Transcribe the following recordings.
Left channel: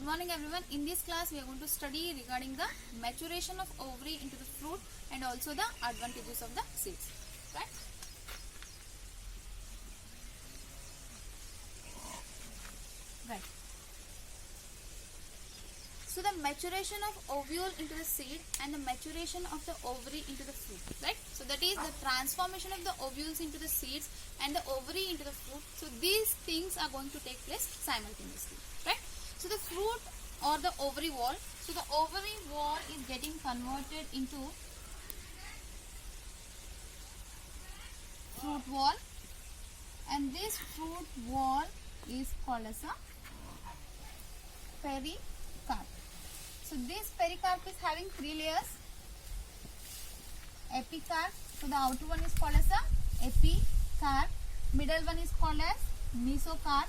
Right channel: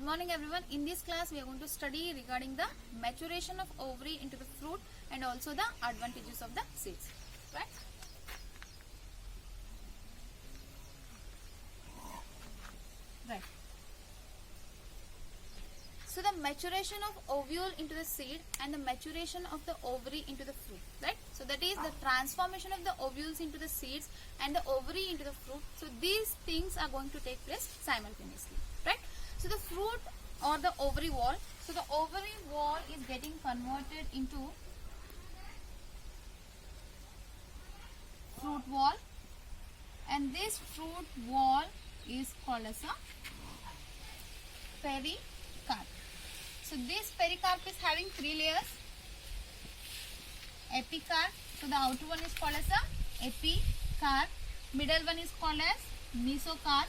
Good morning everyone. In this class we are going to study regarding the maturation of ovary into the fruit and also the advantages of the seeds. Right? Right. So the maturation of ovule into the seed and the maturation of the ovary into the fruit. Right? So that is the transformation of the ovules into the seeds and the ovary into the fruit. So these things are going to take place simultaneously. Right? So the fruit or the ovary wall. So the ovary wall is getting converted into fruit wall, and this fruit wall is called as a pericarp. So this pericarp is having three layers. Epicarp. So the outer one is called as a epicarp. Middle one is called as mesocarp.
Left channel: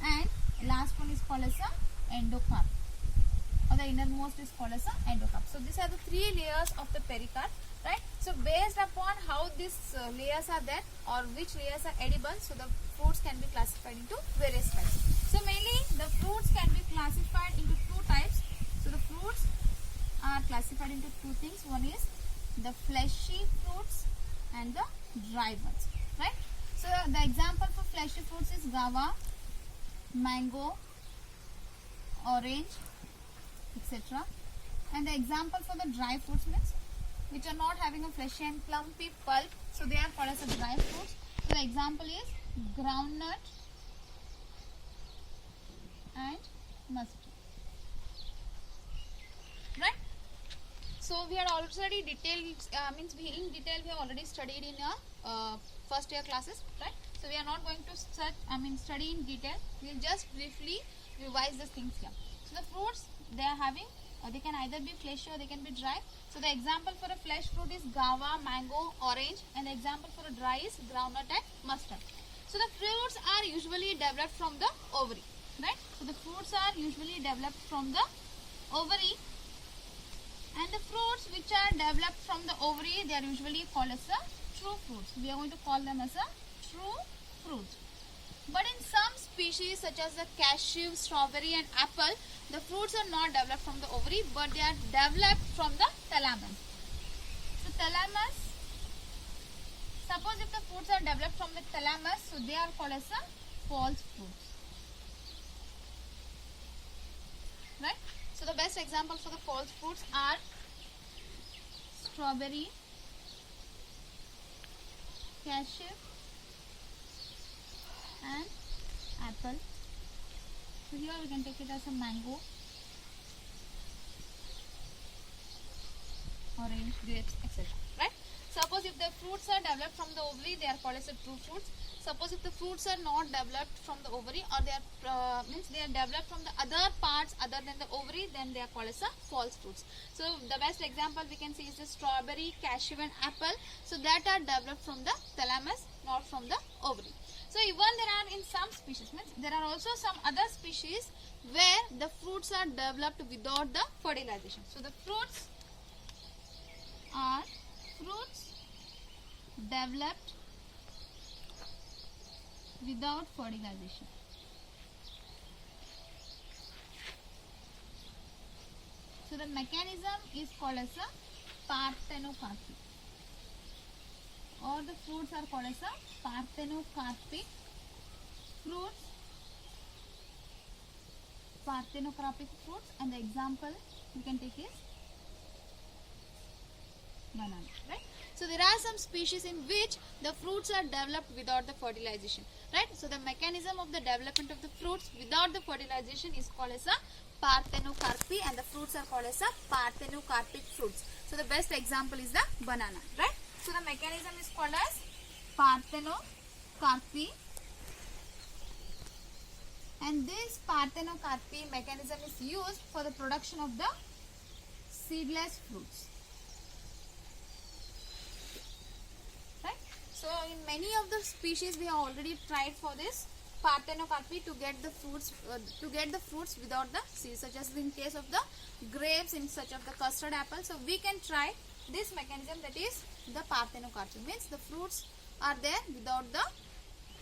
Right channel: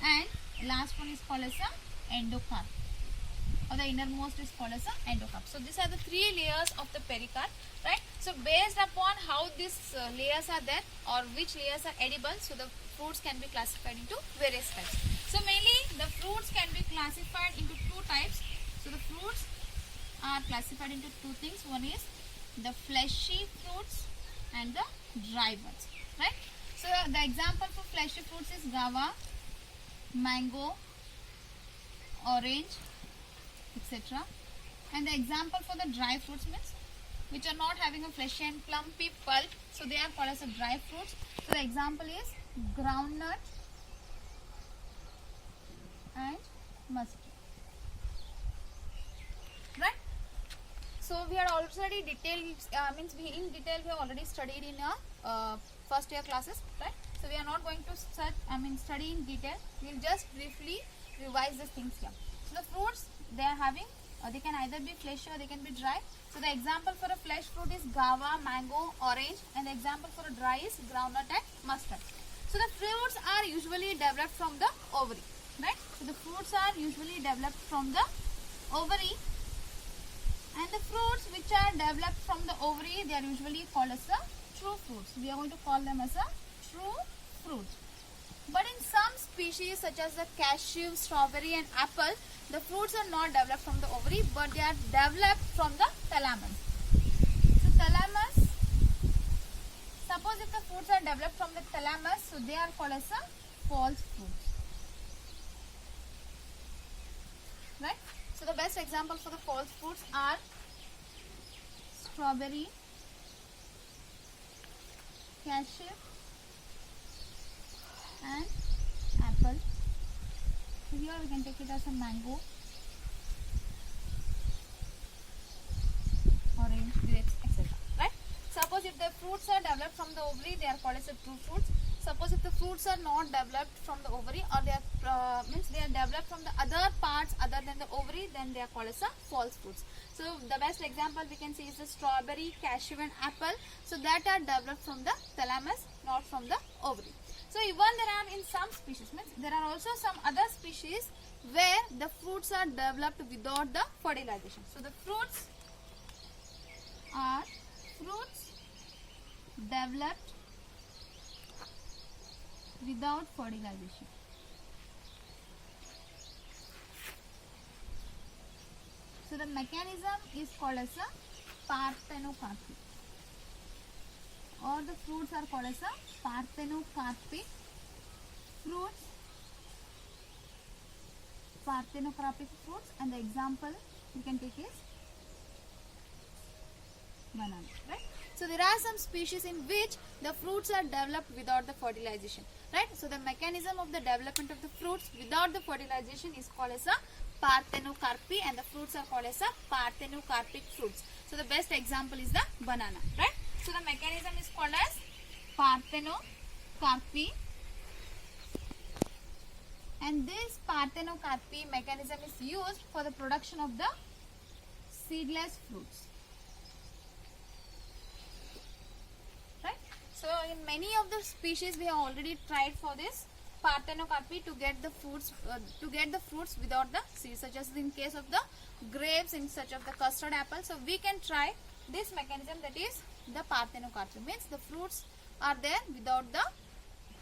And last one is called as a endocarp, or the innermost is called as a endocarp. So these are the three layers of the pericarp, right? So based upon how these layers are there or which layers are edible, so the fruits can be classified into various types. So mainly the fruits can be classified into two types. So the fruits are classified into two things. One is the fleshy fruits and the dry ones, right? So the example for fleshy fruits is guava, mango, orange, etc. And the example for the dry fruits means which are not having a fleshy and plumpy pulp, so they are called as a dry fruits. So the example is groundnut and mustard, right? So we had already detailed, in detail we have already studied in our first year classes, right? So we are not going to study in detail. We will just briefly revise these things here. So the fruits they are having, they can either be fleshy or they can be dry. So the example for a flesh fruit is guava, mango, orange, and the example for a dry is groundnut and mustard. So the fruits are usually developed from the ovary, right? So the fruits are usually developed from the ovary, and the fruits which are developed from the ovary, they are usually called as the true fruits. We are going to call them as a true fruits. But in some species such as the cashew, strawberry and apple, the fruits are not developed from the ovary but they are developed from the thalamus. So thalamus, suppose if the fruits are developed from the thalamus, so they are called as a false fruits. Right? So the best example for the false fruits are strawberry, cashew and apple. So here we can take it as a mango, orange, grapes, etc. Right? Suppose if the fruits are developed from the ovary, they are called as a true fruits. Suppose if the fruits are not developed from the ovary or they are they are developed from the other parts other than the ovary, then they are called as a false fruits. So the best example we can see is the strawberry, cashew and apple. So that are developed from the thalamus, not from the ovary. So even there are in some species, there are also some other species where the fruits are developed without the fertilization. So the fruits are developed without fertilization. So the mechanism is called as a parthenocarpy, or the fruits are called as a parthenocarpic fruits, and the example we can take is banana, right? So there are some species in which the fruits are developed without the fertilization, right? So the mechanism of the development of the fruits without the fertilization is called as a parthenocarpy, and the fruits are called as a parthenocarpic fruits. So the best example is the banana, right? So the mechanism is called as parthenocarpy, and this parthenocarpy mechanism is used for the production of the seedless fruits. So in many of the species we have already tried for this parthenocarpy to get the fruits without the seeds, such as in case of the grapes, in such of the custard apple. So we can try this mechanism, that is the parthenocarpy, means the fruits are there without the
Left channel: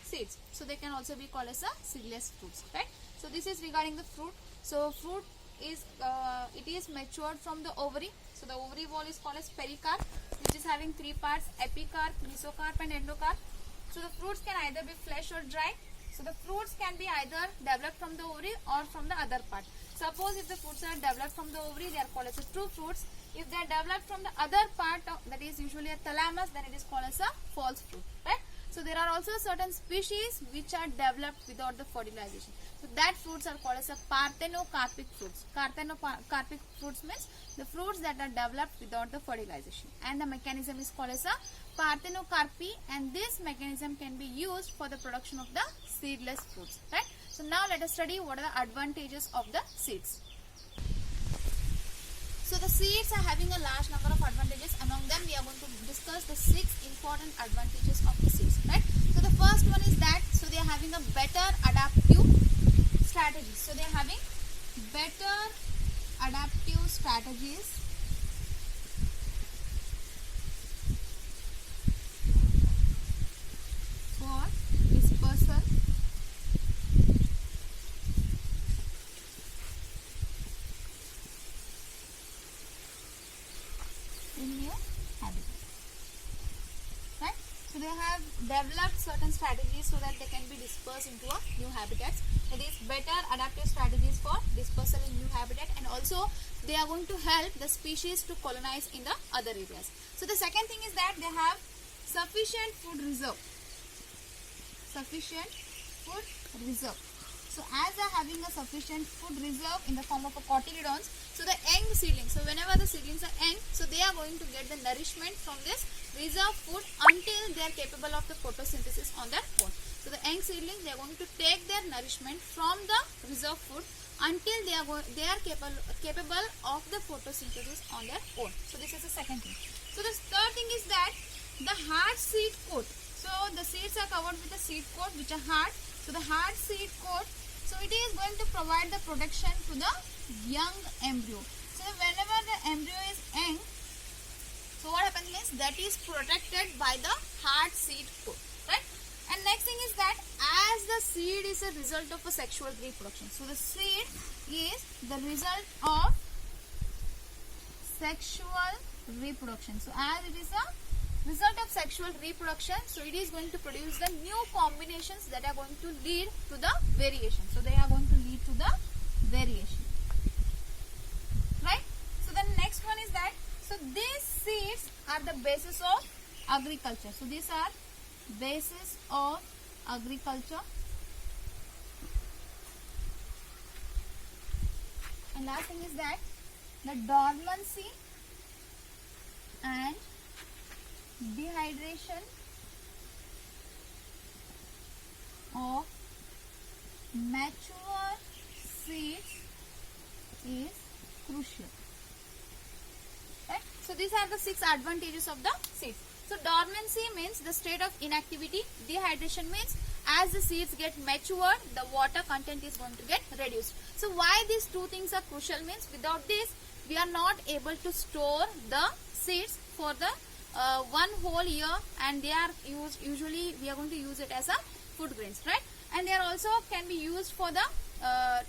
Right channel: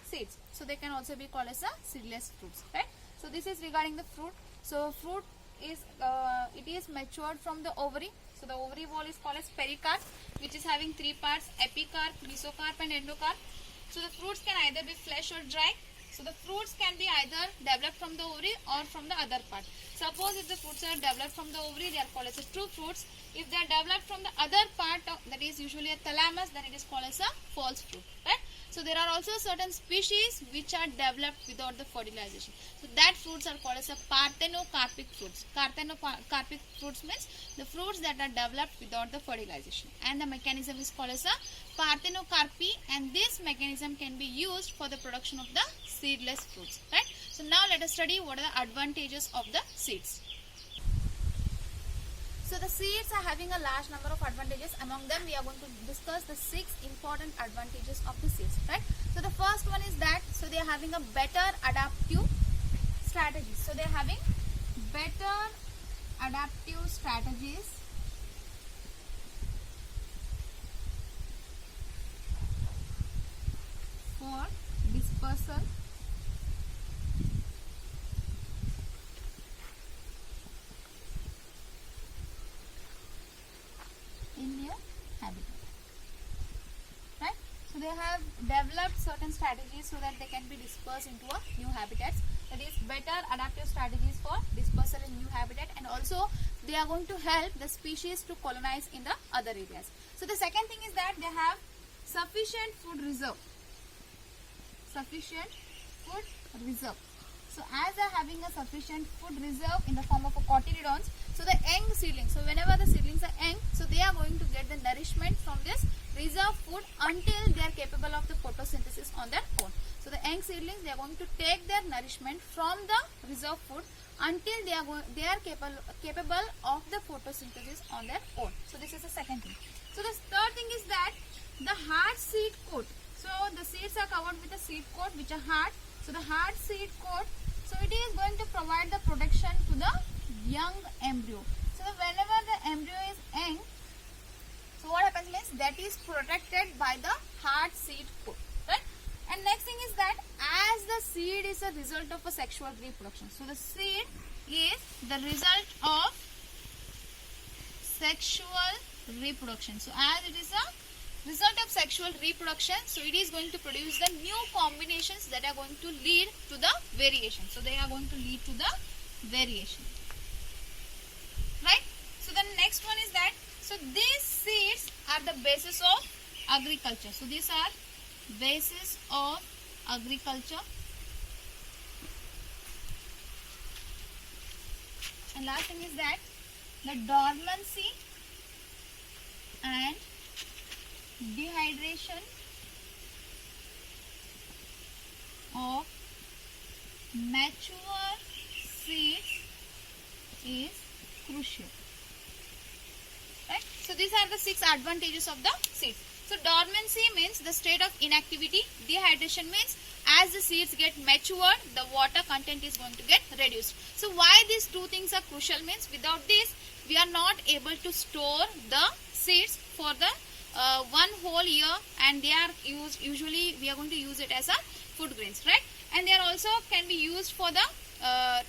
seeds. So they can also be called as a seedless fruits, right? So So this is regarding the fruit. So fruit is it is matured from the ovary. So the ovary wall is called as pericarp, which is having three parts: epicarp, mesocarp, and endocarp. So the fruits can either be flesh or dry. So the fruits can be either developed from the ovary or from the other part. Suppose if the fruits are developed from the ovary, they are called as a true fruits. If they are developed from the other part, that is usually a thalamus, then it is called as a false fruit, right? So there are also certain species which are developed without the fertilization. So that fruits are called as a parthenocarpic fruits. Parthenocarpic fruits means the fruits that are developed without the fertilization. And the mechanism is called as a parthenocarpy, and this mechanism can be used for the production of the seedless fruits, right? So now let us study what are the advantages of the seeds. So the seeds are having a large number of advantages. Among them, we are going to discuss the 6 important advantages of the seeds, right? So the first one is that, so they are having a better adaptive strategies. So they are having better adaptive strategies for dispersal in new habitat, right? So they have developed certain strategies so that they can be dispersed into a new habitats. That is better adaptive strategies for dispersal in new habitat, and also they are going to help the species to colonize in the other areas. So the second thing is that they have sufficient food reserve. Sufficient food reserve. So as they are having a sufficient food reserve in the form of a cotyledons, so the young seedlings, so whenever the seedlings are young, so they are going to get the nourishment from this reserve food until they are capable of the photosynthesis on their own. So the young seedlings, they are going to take their nourishment from the reserve food until they are capable of the photosynthesis on their own. So this is the second thing. So the third thing is that the hard seed coat. So the seeds are covered with a seed coat which are hard. So the hard seed coat, so it is going to provide the protection to the young embryo. So whenever the embryo is young, so what happens means that is protected by the hard seed coat, right? And next thing is that as the seed is a result of a sexual reproduction. So the seed is the result of sexual reproduction. So as it is a result of sexual reproduction, so it is going to produce the new combinations that are going to lead to the variation. So they are going to lead to the variation, right? So the next one is that, so these seeds are the basis of agriculture. So these are basis of agriculture. And last thing is that the dormancy and dehydration of mature seeds is crucial, right? So these are the 6 advantages of the seeds. So dormancy means the state of inactivity. Dehydration means as the seeds get matured, the water content is going to get reduced. So why these 2 things are crucial means without this we are not able to store the seeds for the one whole year, and they are used, usually we are going to use it as a food grains, right? And they are also can be used for the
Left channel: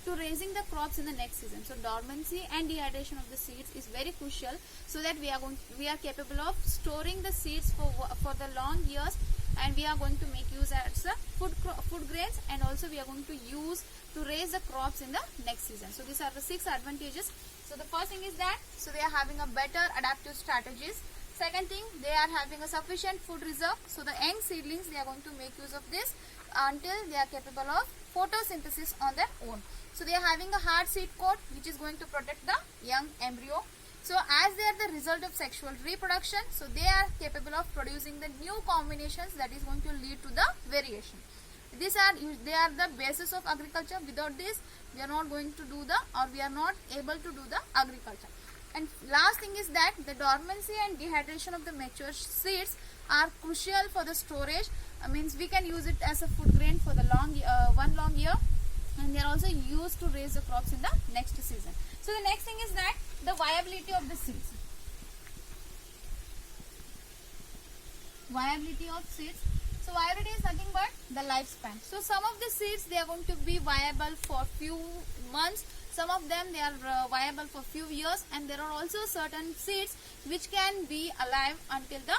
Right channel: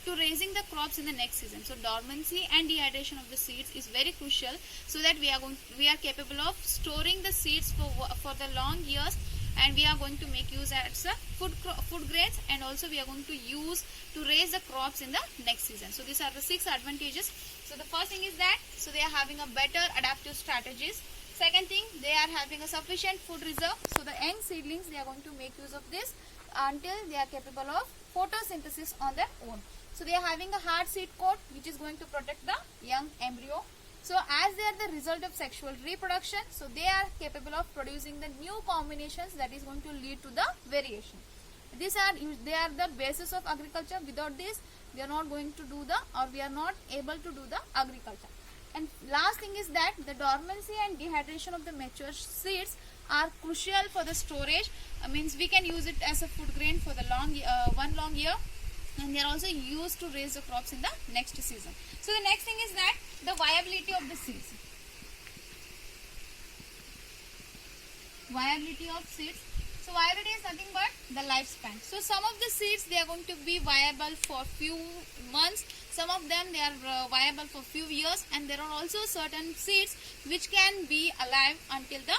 to raising the crops in the next season. So dormancy and dehydration of the seeds is very crucial, so that we are capable of storing the seeds for the long years, and we are going to make use as a food grains, and also we are going to use to raise the crops in the next season. So these are the 6 advantages. So the first thing is that, so they are having a better adaptive strategies. Second thing, they are having a sufficient food reserve. So the young seedlings, they are going to make use of this until they are capable of photosynthesis on their own. So they are having a hard seed coat which is going to protect the young embryo. So as they are the result of sexual reproduction, so they are capable of producing the new combinations that is going to lead to the variation. They are the basis of agriculture. Without this, we are not going to do we are not able to do the agriculture. And last thing is that the dormancy and dehydration of the mature seeds are crucial for the storage. Means we can use it as a food grain for the one long year, and they are also used to raise the crops in the next season. So the next thing is that the viability of the seeds. Viability of seeds. So viability is nothing but the lifespan. So some of the seeds, they are going to be viable for few months, some of them they are viable for few years, and there are also certain seeds which can be alive until the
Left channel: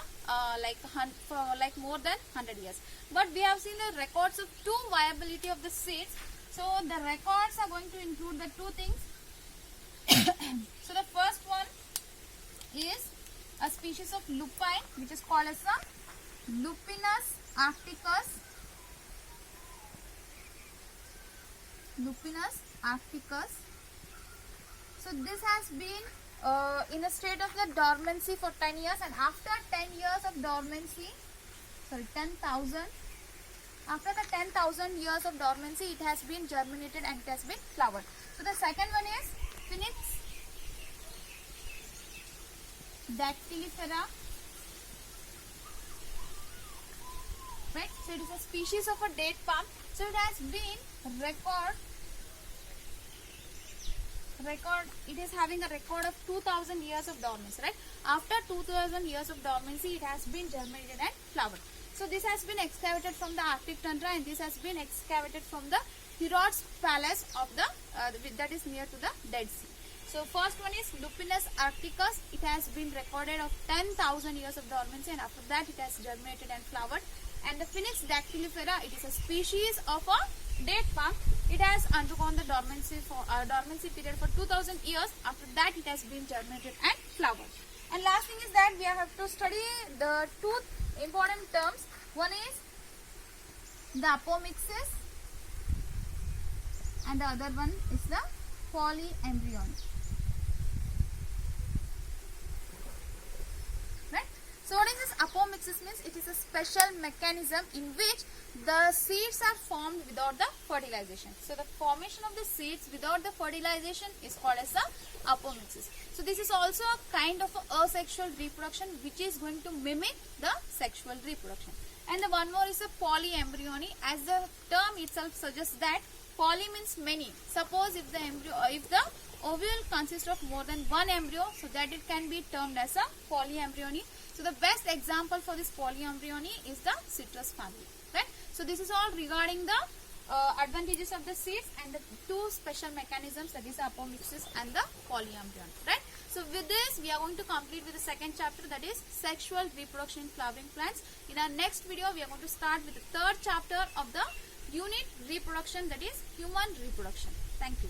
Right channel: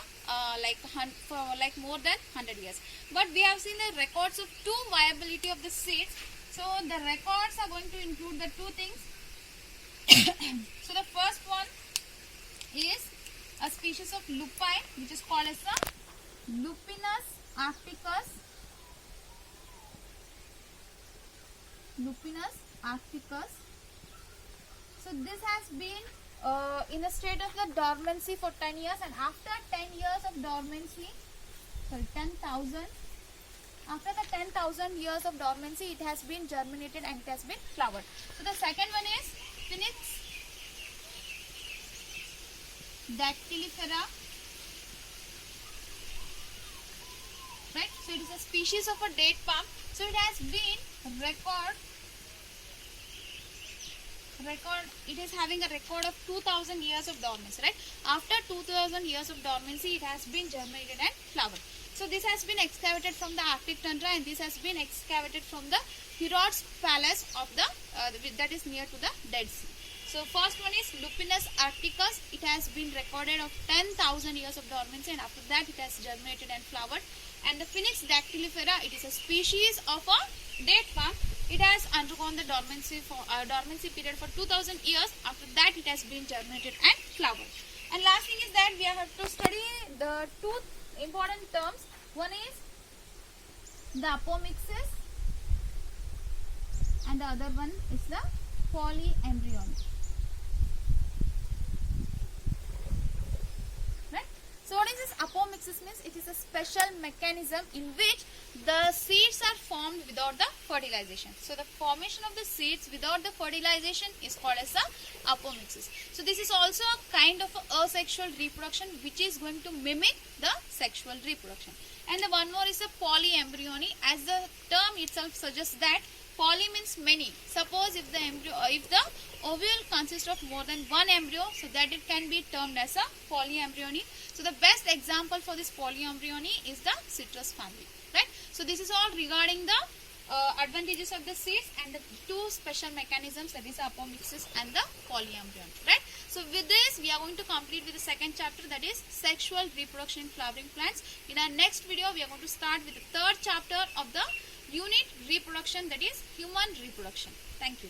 like more than 100 years. But we have seen the records of two viability of the seeds. So the records are going to include the two things. So the first one is a species of lupine which is called as a Lupinus arcticus. Lupinus arcticus. So this has been in a state of the dormancy for 10 years, and after 10 years of dormancy, sorry 10,000, after the 10,000 years of dormancy, it has been germinated and it has been flowered. So the second one is Phoenix dactylifera. Right, so it is a species of a date palm. So it has been it is having a record of 2,000 years of dormancy, right? After 2,000 years of dormancy, it has been germinated and flowered. So this has been excavated from the Arctic tundra, and this has been excavated from the Herod's palace of the that is near to the Dead Sea. So first one is Lupinus arcticus. It has been recorded of 10,000 years of dormancy, and after that it has germinated and flowered. And the Phoenix dactylifera, it is a species of a date palm. It has undergone the dormancy period for 2,000 years. After that it has been germinated and flowered. And last thing is that we have to study the two important terms. One is the apomixis and the other one is the polyembryony. Right? So what is this apomixis means? It is a special mechanism in which the seeds are formed without the fertilization. So the formation of the seeds without the fertilization is called as the apomixis. So this is also a kind of a asexual reproduction which is going to mimic the sexual reproduction. And the one more is the polyembryony. As the term itself suggests that poly means many. Suppose if the ovule consists of more than one embryo, so that it can be termed as a polyembryony. So the best example for this polyembryony is the citrus family, right? So this is all regarding the advantages of the seeds and the two special mechanisms, that is apomixis and the polyembryony, right? So with this we are going to complete with the second chapter, that is sexual reproduction in flowering plants. In our next video we are going to start with the third chapter of the unit reproduction, that is human reproduction. Thank you.